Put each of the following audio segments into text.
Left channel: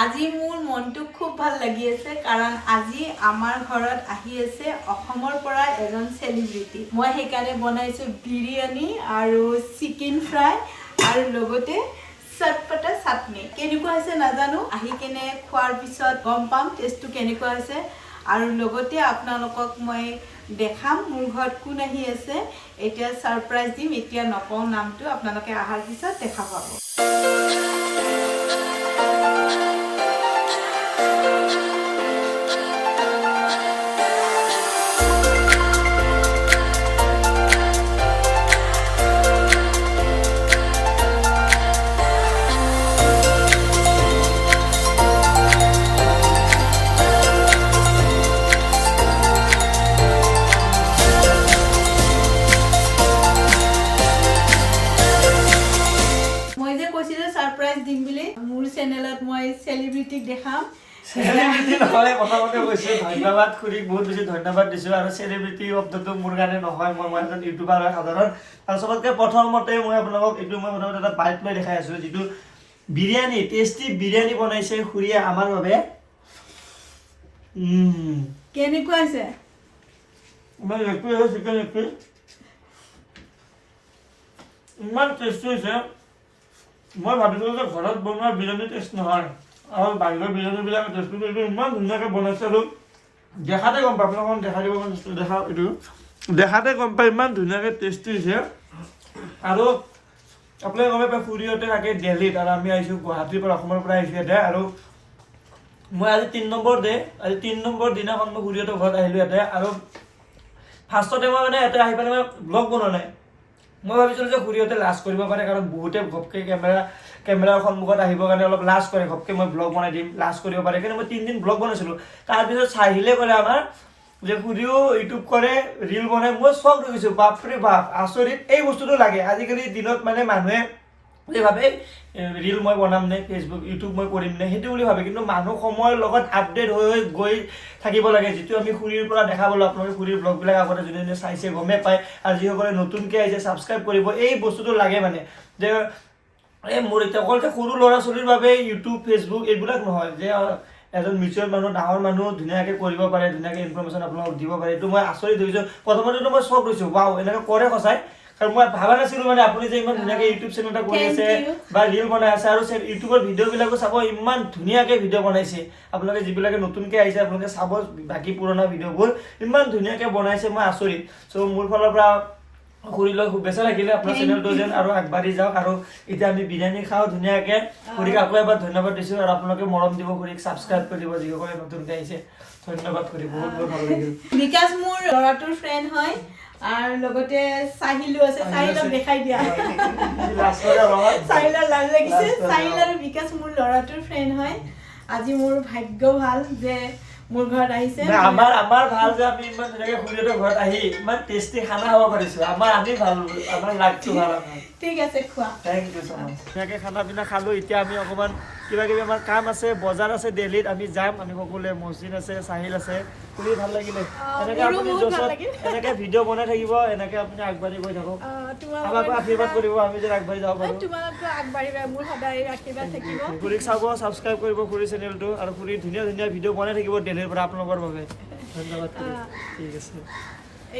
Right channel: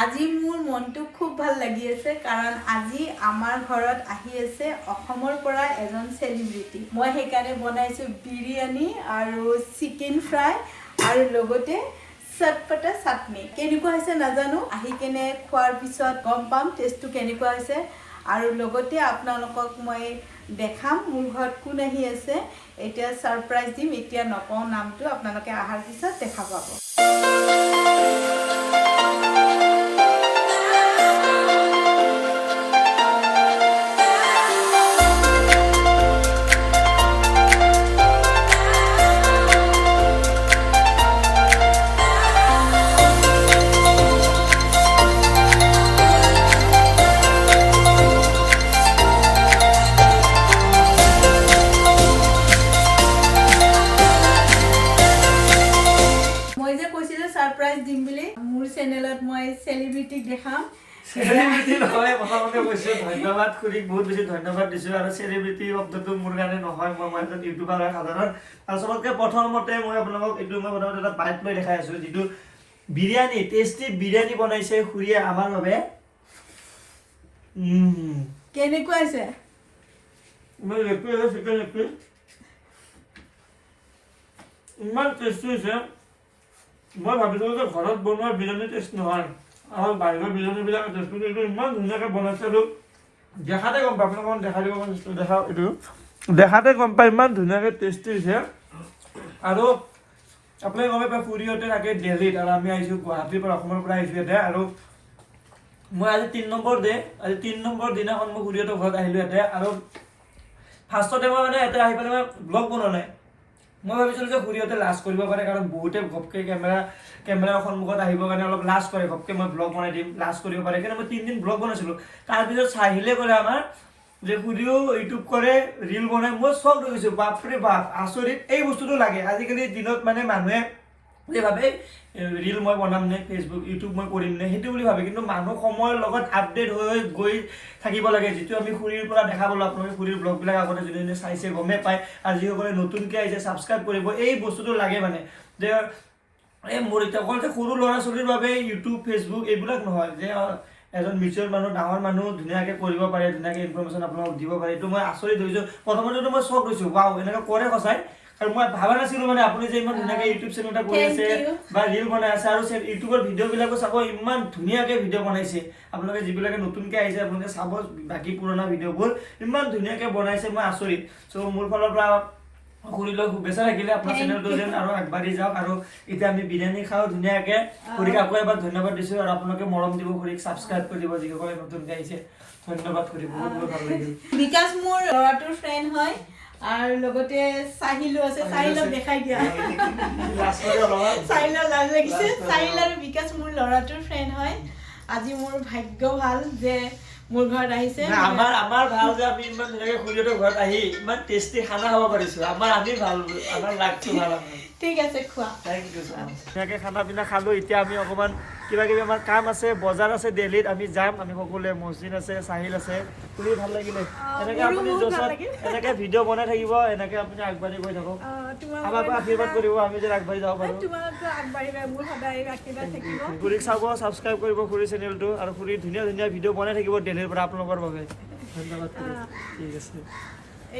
আজি মোৰ মনটো খুব ভাল লাগি আছে কাৰণ আজি আমাৰ ঘৰত আহি আছে অসমৰ পৰা এজন সেলিব্ৰিটি মই সেইকাৰণে বনাইছো বিৰিয়ানী আৰু চিকেন ফ্ৰাই আৰু লগতে চটপটা চাটনি কেনেকুৱা হৈছে নাজানো আহি কেনে খোৱাৰ পিছত গম পাম টেষ্টটো কেনেকুৱা হৈছে আৰু লগতে আপোনালোকক মই দেখাম মোৰ ঘৰত কোন আহি আছে এতিয়া সাৰপ্ৰাইজ দিম এতিয়া নকওঁ নামটো আপোনালোকে আহাৰ পিছত দেখা পাব সাৰপ্ৰাইজ দিম বুলি মোৰ চেনেলত মই সেলিব্ৰিটিক দেখাম সেলিব্ৰিটি নহয় প্ৰথমতে কৈছো ধন্যবাদ খুৰীক বহুত বেছি ধন্যবাদ দিছো আৰু সেলিব্ৰিটি শব্দটো মোৰ কাৰণে নহয় মই এজন ইউটিউবাৰ সাধাৰণ আৰু সবতকৈ প্ৰথমতে মই আপোনালোকক এইটো মই প্ৰথমতে এটা বাইট লৈ দেখাই আছো যিটো বিৰিয়ানী টেষ্টি বিৰিয়ানী বনাইছে খুৰীয়ে আমাৰ বাবে কেনেকুৱা আছে মই একো চিকেন একো ইমান টেষ্টি হৈছে মই ভাবিছিলোঁ যে ঘৰত বনোৱা বিৰিয়ানী টেষ্ট নহয় আৰু বাহিৰৰ বিৰিয়ানীবিলাক টেষ্টটো এইটো ইমান ধুনীয়াকৈ বনাইছে আৰু দেখাতে গম পায় আপোনাক দেখাই দিব দেখা এইটো দেখাতে গম পায় ইমান ধুনীয়াকৈ টেষ্টি হৈছে আৰু আপোনালোকে গম পায় খুৰীহঁতে থাকে দিল্লীত আৰু আমি আহিছোঁ গুৱাহাটীৰ পৰা অসমৰ পৰা আহিছোঁ ইয়াতে আৰু মই আজি 3 নম্বৰ দিনাখন মই খুৰীহঁতৰ ঘৰত আহিলোঁ ইয়াতে আৰু ফাৰ্ষ্টতে মই মানে ইয়াতে আহি পেলাই মই ব্লগ বনোৱা নাই মই ভাবিছিলোঁ যে খুৰীহঁতে লাজ কৰিব পাৰে কাৰণ বহুতে ঘপকৈ কেমেৰাৰ সন্মুখত আহিবৰ কাৰণে অলপ লাজ কৰে ঘপকৈ মই ব্লগ বনাই দিম লাজ কৰিব পাৰে সেইকাৰণে মই 3 দিন ব্লগ বনাইছিলোঁ তাৰপিছত চাহিলে ক'লে আমাৰ যে খুৰীও ইউটিউব কৰে ৰিল বনাই মই চখ হৈ গৈছোঁ বাপৰে বাপ আচৰিত এই বস্তুটো লাগে আজিকালি দিনত মানে মানুহে বুলি ভাবে ৰিল মই বনাম নে ফেচবুক ইউটিউব মই কৰিম নে সেইটো বুলি ভাবে কিন্তু মানুহ সময়ৰ লগত আপডেট হৈ গৈ থাকিব লাগে যিটো আমি খুৰীৰ পৰা দেখা পালোঁ আপোনালোকে খুৰীৰ ব্লগবিলাক আগতে যোনে যোনে চাইছে গমে পায় আৰু যিসকলে নতুনকৈ আহিছে ছাবস্ক্ৰাইব কৰিব এই বস্তুটো লাগে মানে যে এই মোৰ এতিয়া অকল যে সৰু ল'ৰা ছোৱালীৰ বাবে ইউটিউব ফেচবুক এইবিলাক নহয় যে এজন মিউচুৱেল মানুহ ডাঙৰ মানুহ ধুনীয়াকৈ কৰিব পাৰে ধুনীয়াকৈ ইনফৰমেশ্যন আপোনালোকক দিব পাৰে এইটো মই আচৰিত হৈছোঁ প্ৰথমতেতো মই চখ হৈছোঁ ৱাও এনেকৈ কৰে সঁচাই আৰু মই ভাবা নাছিলোঁ মানে আপুনি যে ইমান ধুনীয়াকৈ ইউটিউব চেনেল এটা কৰি আছে বা ৰিল বনাই আছে আৰু ইউটিউবৰ ভিডিঅ'বিলাকো চাব ইমান ধুনীয়াকৈ ভিডিঅ' বনাইছে আপোনালোকে যিবিলাকে নতুনকৈ আহিছে আপোনালোকে চাব বাকী পুৰণা ভিডিঅ'বোৰ ইমান ধুনীয়াকৈ বনাইছে মই আচৰিত চ' মোৰ ফালৰ পৰা খুৰীলৈ শুভেচ্ছা থাকিলে আপোনাৰ চেনেলটো যেন আৰু আগবাঢ়ি যাওক আৰু এতিয়া আমি বিৰিয়ানী খাওঁ ধুনীয়াকৈ খুৰীক আকৌ এবাৰ ধন্যবাদ দিছোঁ আৰু আপোনালোকে মৰম দিব খুৰীক ছাবস্ক্ৰাইব কৰি দিব যিসকলে নতুনকৈ আহিছে ধন্যবাদ খুৰী বহুত বহুত ভাল লাগিল বিকাশ মোৰ ল'ৰাটোৰ ফ্ৰেণ্ড হয় আৰু লগতে চাহিলো আছে চাহিলক দেখাই দিয়া চাহিলৰ লাজ লাগিছে চাহিল আৰু বিকাশ মোৰ ল'ৰাটোৰ ফ্ৰেণ্ড হয় আজি মোৰ ভাগ্য ভাল যে মোৰ ঘৰত আহিছে আমাৰ ভাল যে আমি ইমান ধুনীয়াকৈ খুৰীহঁতৰ ঘৰত আহি ইমান টেষ্টি খানা খাব পাৰিছোঁ আমি ভাল আমাৰ লাগটো ভাল ঠিক আছে খোৱা থেংক ইউ ছ মাছ ধুনীয়াকৈ খানা পিনা খালোঁ এতিয়া আমি অকণমান কিবা কিবি আমাৰ কাম আছে বজাৰ আছে দিল্লীত আমি যাম আমি সকলোৱে মছজিদ আছে চাহিল আছে খুৰী ভাল লাগিলে এনেকৈ আপুনি জছত এনেকৈ ভিডিঅ' বনাই থাকিব এনেকৈ আপুনি আগবাঢ়ি গৈ থাকক আমাকো আশীৰ্বাদ কৰিব আমি যেন আগবাঢ়ি যাব পাৰোঁ খুৰীক চাব ছাবস্ক্ৰাইব কৰিব খুৰী চেনেলটো আৰু খুৰী ধুনীয়া ধুনীয়া ভিডিঅ' বনাই থাকিব দিল্লীৰ পৰা আপোনালোকৰ বাবে ধন্যবাদ ঠিক আছে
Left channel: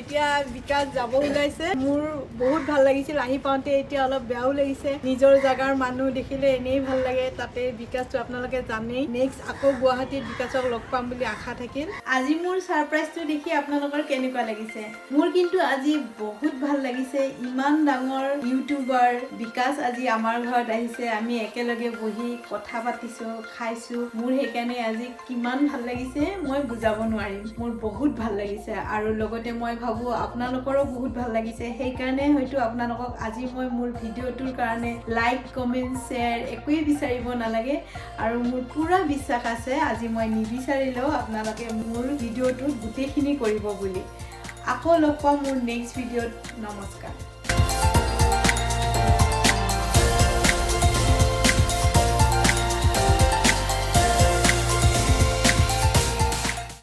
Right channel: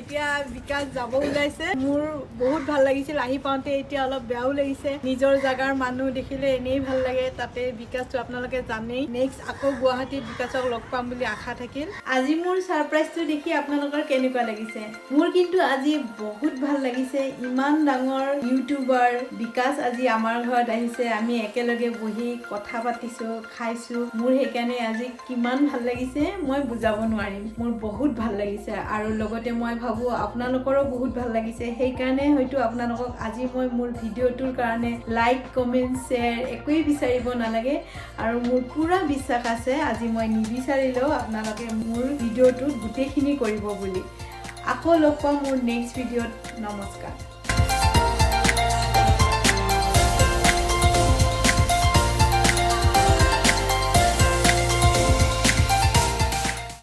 এতিয়া বিকাশ যাব ওলাইছে মোৰ বহুত ভাল লাগিছিল আহি পাওঁতে এতিয়া অলপ বেয়াও লাগিছে নিজৰ জাগাৰ মানুহ দেখিলে এনেই ভাল লাগে তাতে বিকাশটো আপোনালোকে জানেই নেক্সট আকৌ গুৱাহাটীত বিকাশক লগ পাম বুলি আশা থাকিল আজি মোৰ সাৰপ্ৰাইজটো দেখি আপোনালোকৰ কেনেকুৱা লাগিছে মোৰ কিন্তু আজি বহুত ভাল লাগিছে ইমান ডাঙৰ ইউটিউবাৰ বিকাশ আজি আমাৰ ঘৰত আহিছে আমি একেলগে বহি কথা পাতিছোঁ খাইছোঁ মোৰ সেইকাৰণে আজি কিমান ভাল লাগিছে মই বুজাব নোৱাৰিম মোৰ বহুত ভাল লাগিছে আৰু লগতে মই ভাবো আপোনালোকৰো বহুত ভাল লাগিছে সেইকাৰণে হয়তো আপোনালোকক আজি মই মোৰ ভিডিঅ'টোৰ কাৰণে লাইক কমেণ্ট শ্বেয়াৰ একোৱেই বিচাৰিব নালাগে আৰু মোৰ পুৰা বিশ্বাস আছে আজি মই নিবিচাৰিলেও আপোনালোকে মোৰ ভিডিঅ'টোত গোটেইখিনি কৰিব বুলি আকৌ লগ পাম মোৰ নেক্সট ভিডিঅ'ত নমস্কাৰ